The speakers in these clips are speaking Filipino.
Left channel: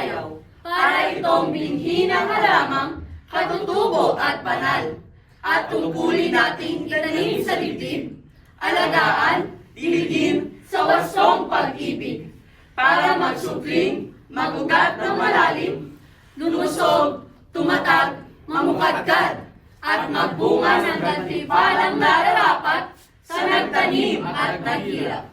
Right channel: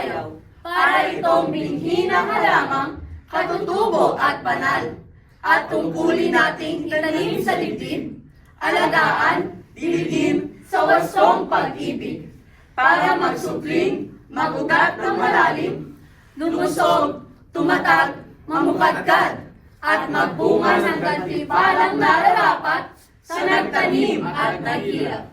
dayaw, para itong binhi ng halamang katutubo at banal, at tungkulin nating itanim sa dibdib, alagaan, diligin sa wastong pag-ibig, para magsukling, magugat ng malalim, lumusog, tumatag, mamukadkad, at magbunga ng gantimpalang nararapat sa nagtanim at naghirap.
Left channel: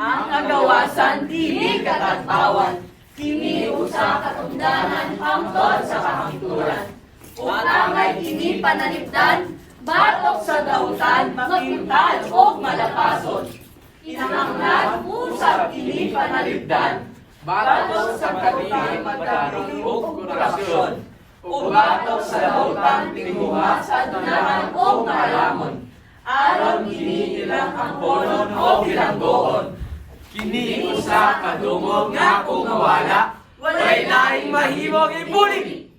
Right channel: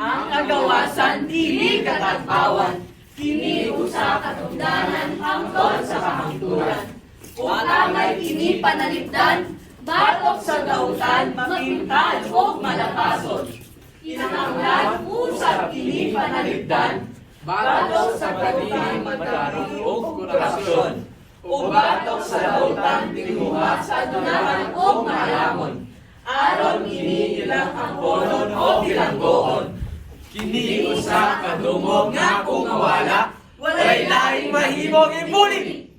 Ang agawasan dili katagpawan, kini usa katungdanan hangtod sa kahangturan. Utamay kini panalipdan, batok sa dautan, mapintal o malapason. Kinahanglan usab kini panalipdan, batok sa kabilang magkaroon o kurasyon, o batok sa dautan tinguha sa dunaran o malamon. Aron kini ilang angkonon o bilanggoon. Kini usa kadungog nga kung mawala, walay laing mahimong ibulig.